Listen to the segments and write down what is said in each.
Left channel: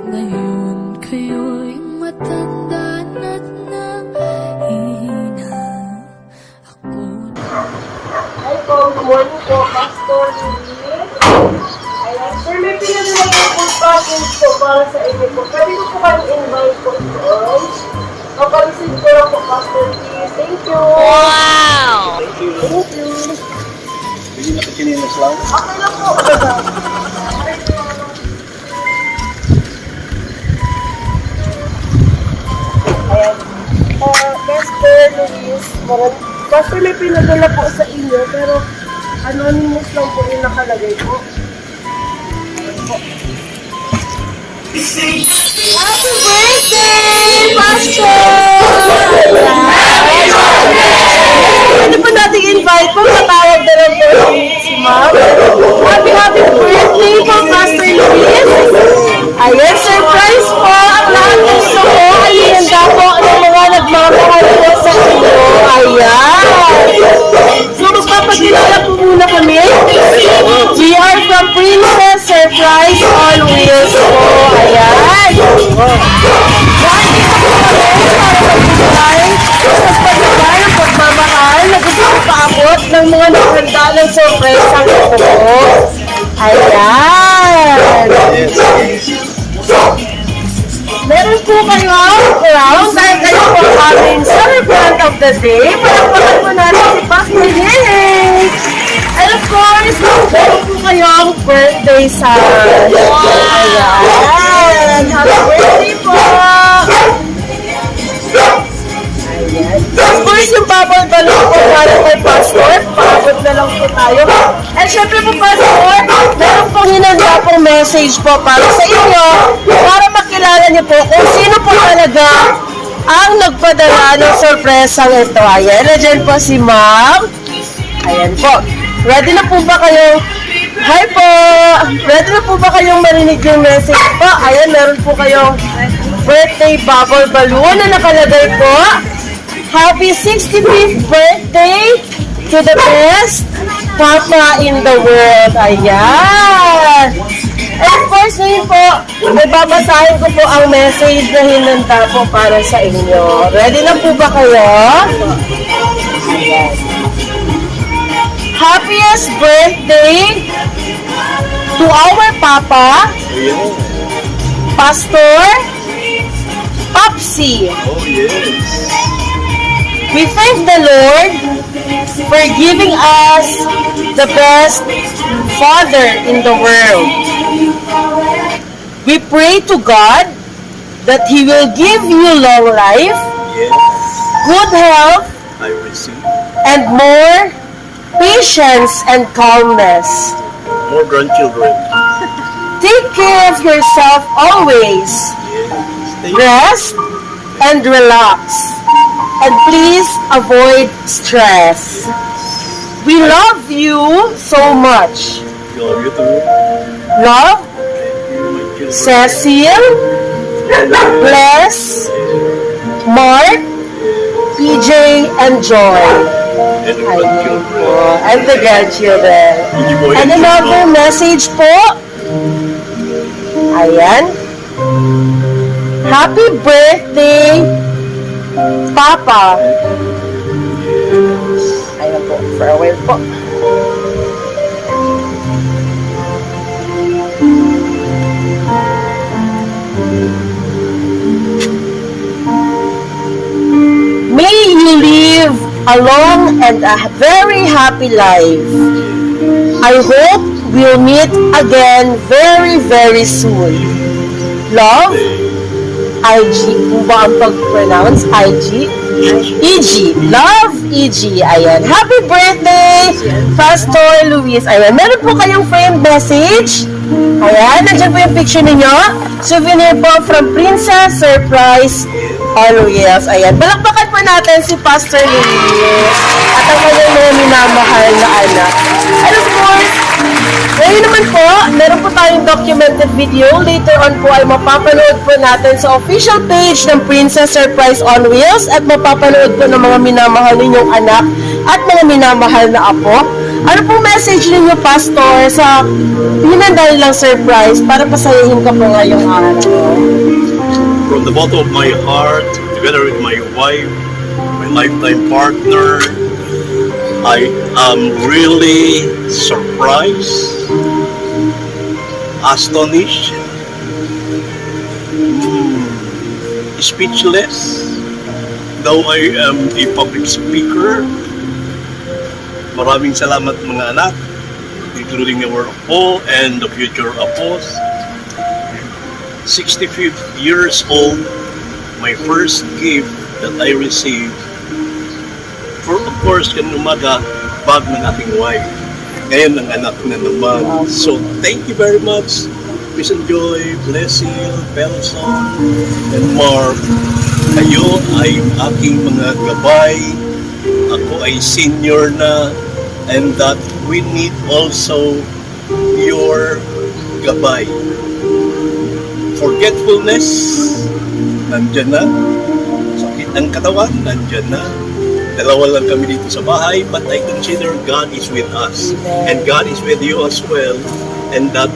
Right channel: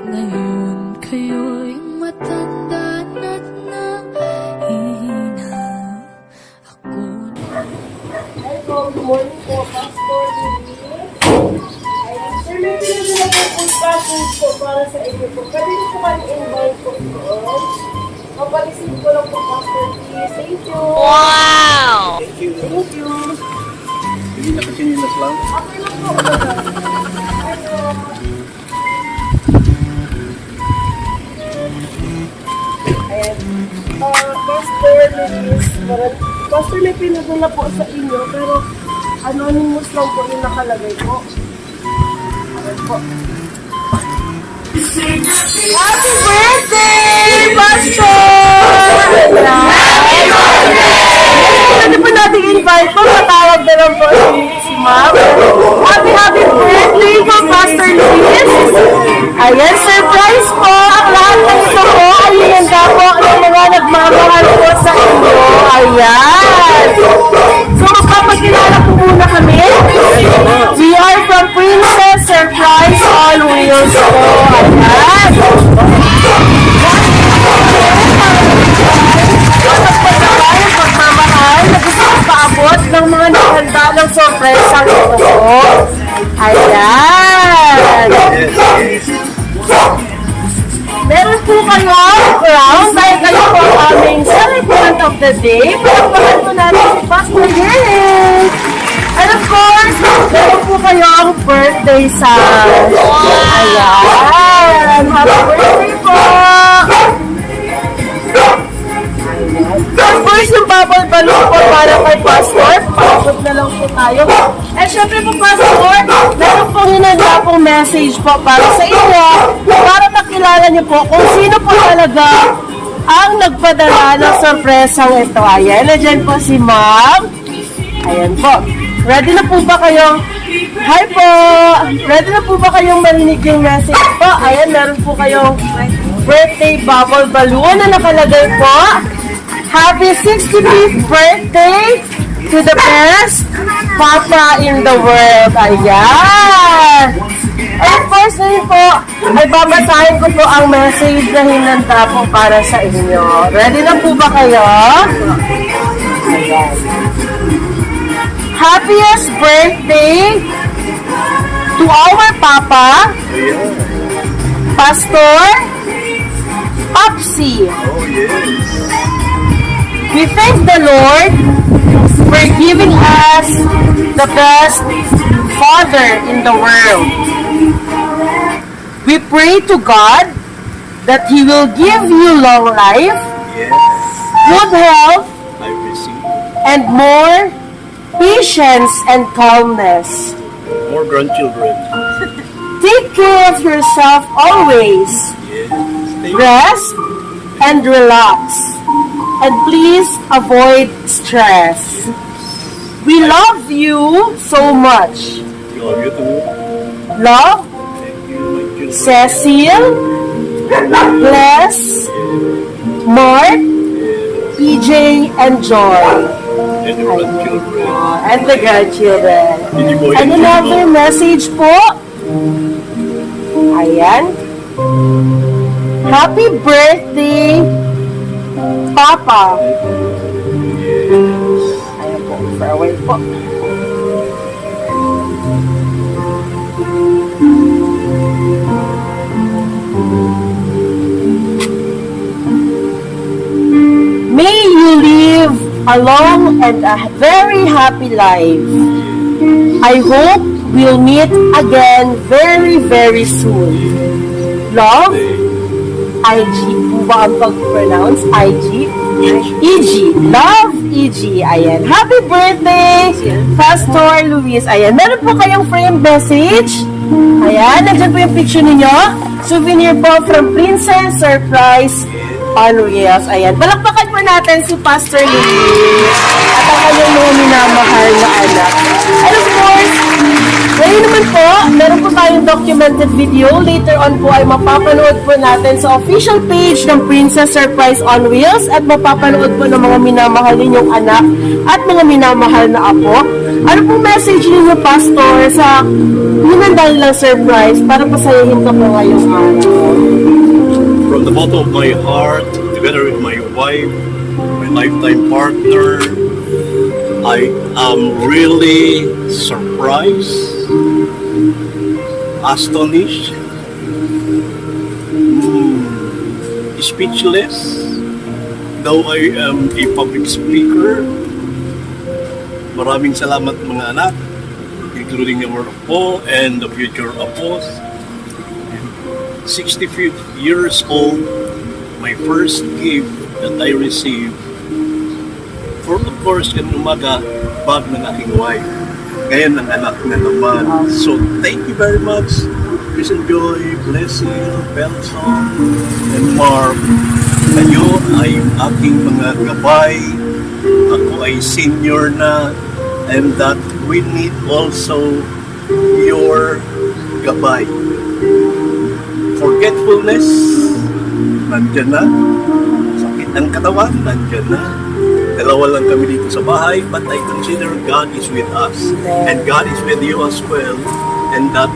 Ngayon kayo'y matanda na't nangihina. Ako na. Hi po, good morning po, Pastor Lily. Ayan, sir, may pinadala po po package po para sa inyo po. Pwede ko po kami invite po doon. Papareceive ko lang po, Pastor Lily. Thank you. Wow! Thank you. Hindi nakachinilas lang. Okay lang po. Ayan. Pastor Luis, Pastor, may pinadala po sa inyo, pero anonymous lang po yung nakalagay po. Ayan po. Happy birthday, Pastor! Pwede po natin invite po, matawag na lang po si Ma'am. Happy birthday po, Pastor Luis! Ayan, surprise po! Ang lahat po ito po ay hihanda po ng mga nagmamahal po sa inyo. Ayan! So, magpapagkilala po muna kami. We are from Princess Surprise on Wheels po. Ayan! Ang pagmamahal na gusto ko paabot ng mga nakahanda ng surprise ang ito po. Ayan! Meron po kayo ang crown dahil kayo po ang aming celebrant of the day. Palakpakan po natin si Pastor Yay! And of course, meron po kayo ang birthday son. Ayan! Happy birthday po! Of course, yung bubble balloon po para kay Pastor. Paabot na lang po tayo. And syempre po, Pastor, meron pong hinanda pong message po para sa inyo para makilala niyo po kung sino po talaga ang nagpadala ng sorpresang ito. Ayan, nandiyan po si Ma'am. Ayan po. Ready na po ba kayong... Hi po! Ready na po ba kayong marinig yung message po? Ayan, meron po kayong birthday bubble balloon na nakalagay po. Happy 65th birthday to the best Papa in the world. Ayan! And of course, ngayon po, ay babasahin ko po ang message na hinanda po para sa inyo. Ready na po ba kayo? Ayan. Happiest birthday to our Papa, Pastor Popsy. Oh, yes. We thank the Lord for giving us the best Father in the world. We pray to God that He will give you long life, Yes. good health, I receive. and more patience and calmness. More grandchildren. Take care of yourself always. Yes. Stay. Rest and relax. And please avoid stress. We love you so much. You love you too. Love, Thank you, my children. Cecil, Bless, Mark, PJ, and Joy. And the grandchildren. And the grandchildren. And another message po. Ayan. Happy birthday, Papa. Ayan po. Farewell po. May you live a long and a very happy life. I hope we'll meet again very, very soon. Love, IG. Kung ba ang pag-pronounce? IG? EG. Love, EG. Ayan. Happy birthday, Pastor Luis. Ayan. Meron po kayong frame message. Ayan. Nandiyan po yung picture ninyo. Souvenir po from Princess Surprise on Wheels. Ayan. Balakbakan po natin si Pastor Luis at ang kanyang mga minamahal na anak. And of course, ngayon naman po, meron po tayong documented video. Later on po ay mapapanood po natin sa official page ng Princess Surprise on Wheels at mapapanood po ng mga minamahal ninyong anak at mga minamahal na apo Ano pong message ninyo, Pastor, sa pinandal lang surprise para pasayahin ka po ngayong araw? From the bottom of my heart, together with my wife, my lifetime partner, I am really surprised, astonished, speechless. Though I am a public speaker, maraming salamat mga anak, including the word of Paul and the future apostles. 65 years old, my first gift that I received, for of course, kanina umaga, bag ng aking wife. Ngayon, ang anak na naman. So, thank you very much, Chris and Joy, Blessing, Pelson, and Mark. Kayo ay aking mga gabay. Ako ay senior na, and that we need also your gabay. Forgetfulness, nandyan na. Sakit ng katawan, nandyan na. Dalawa lang kami dito sa bahay, but I consider God is with us. And God is with you as well. And that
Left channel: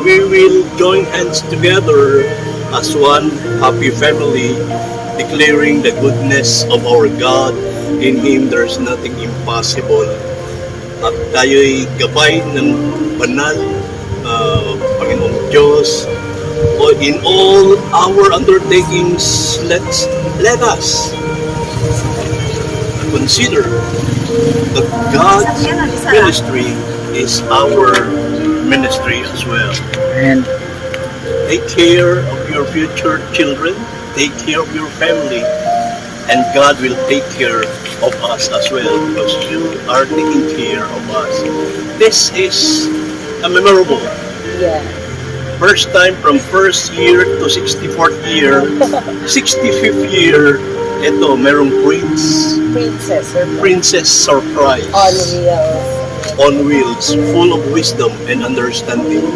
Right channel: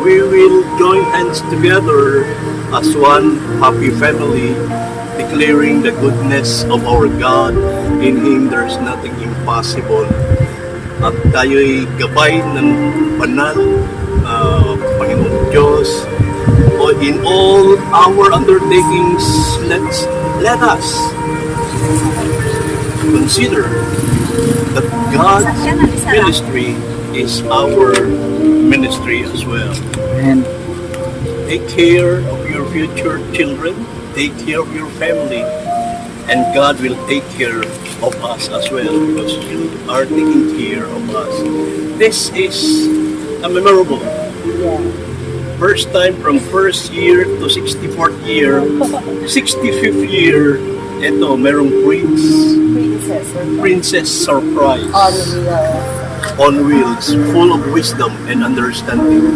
we will join hands together as one happy family, declaring the goodness of our God. In Him there's nothing impossible. At tayo'y gabay ng banal, Panginoong Diyos. In all our undertakings, let us consider that God's ministry is our ministry as well. And Take care of your future children, take care of your family, and God will take care of us as well because you are taking care of us. This is a memorable. Yeah. First time from first year to 64th year, 65th year, ito, merong princess surprise on wheels, full of wisdom and understanding.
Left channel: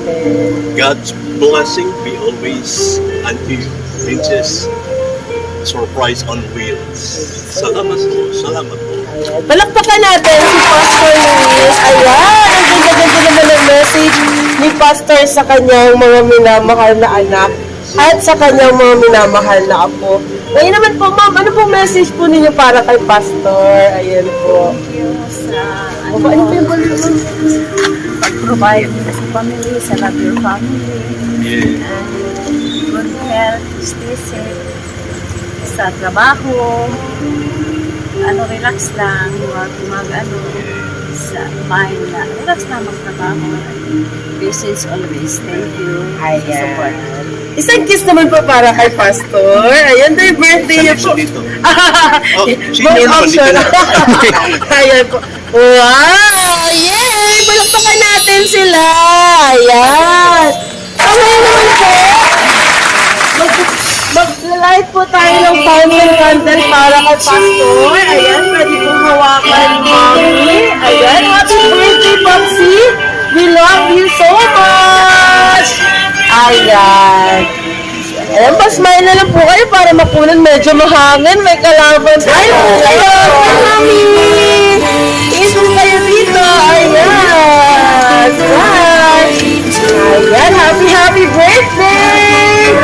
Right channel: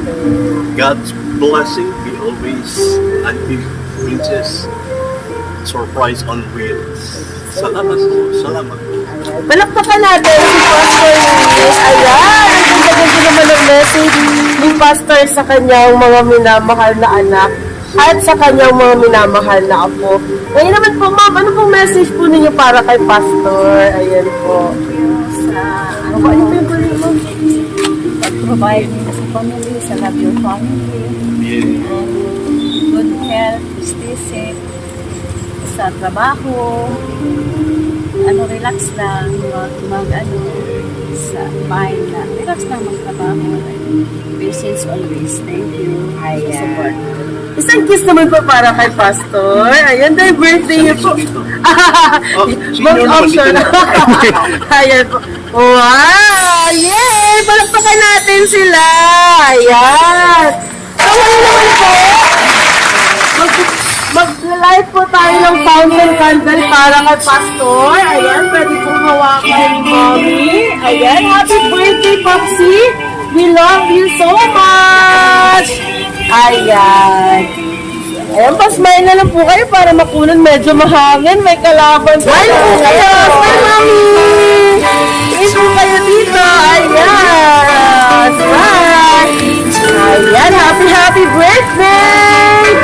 God's blessing be always unto you, princess surprise on wheels. Salamat po, salamat po. Palakpakan natin si Pastor Luis. Ayan, ang ganda naman ang message ni Pastor sa kanyang mga minamahal na anak at sa kanyang mga minamahal na apo. Ngayon naman po, ma'am, ano pong message po ninyo para kay Pastor? Ayan po. ano po yung pag-provide sa family, sa love your family, Yeah. and good health, justice, sa trabaho, relax lang, sa mind na, relax lang magtrabaho. Patience always, thank you. Ayan. Sa support. Isang kiss naman po para kay Pastor. Ayan, dahil birthday niyo po. Dito. Oh, sino Both naman dito option. na? Ayan po. Wow! Yay! Palakpakan natin sila! Ayan! So, ngayon naman po, mag-light po tayo ng fountain candle para kay Pastor. Ayan, pwede pong hawakan ni Mommy. Ayan, happy birthday, Popsy! We love you so much! Ayan. Ayan, pa-smile na lang po kayo para mapunan. Medyo mahangin, may kalaban. Smile po kayo! Mami! Tingin po kayo dito. Ayan! Smile! Ayan, happy birthday!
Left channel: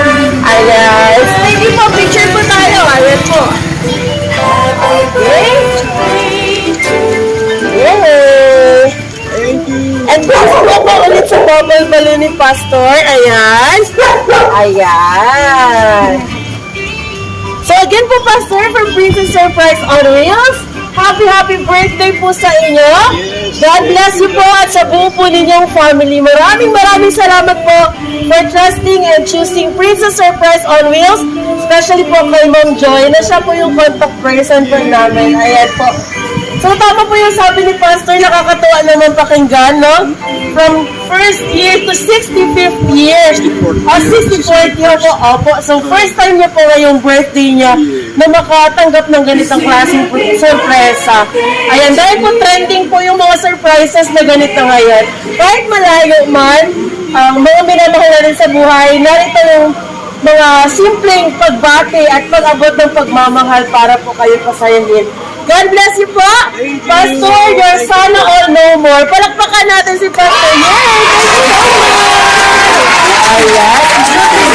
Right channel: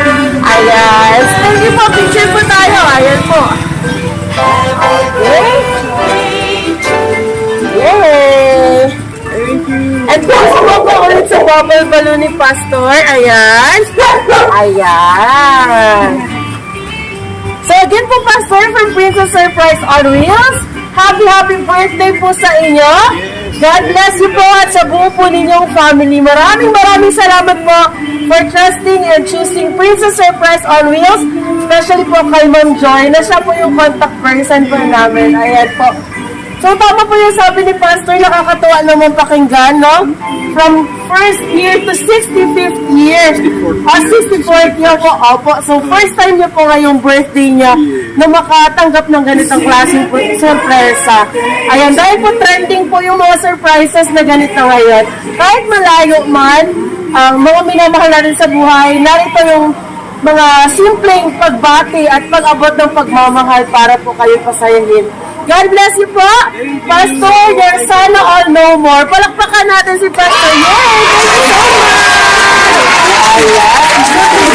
Ayan. Thank you po. Picture po tayo. Ayan po. Okay. Yay! Thank you. And gusto mo po ulit sa bubble balloon ni Pastor. Ayan. Ayan. So again po, Pastor, from Princess Surprise on Wheels, happy birthday po sa inyo. Yes. God bless you po at sa buo po ninyong family. Maraming salamat po for trusting and choosing Princess Surprise on Wheels. Especially po kay Ma'am Joy, na siya po yung contact person po namin. Ayan po. So, tama po yung sabi ni Pastor, nakakatuwa naman pakinggan, no? From first year to 65th year. 64th year po, opo. So, first time niya po ngayong birthday niya na makatanggap ng ganitong klaseng sorpresa. Ayan, dahil po trending po yung mga surprises na ganito ngayon. Kahit malayo man, mga minamahal natin sa buhay, narito yung mga simpleng pagbati at pag-abot ng pagmamahal para po kayo pasayahin God bless you po. Pastor, your sana all no more. Palakpakan natin si Pastor. Yay! Thank you so much! Ayan.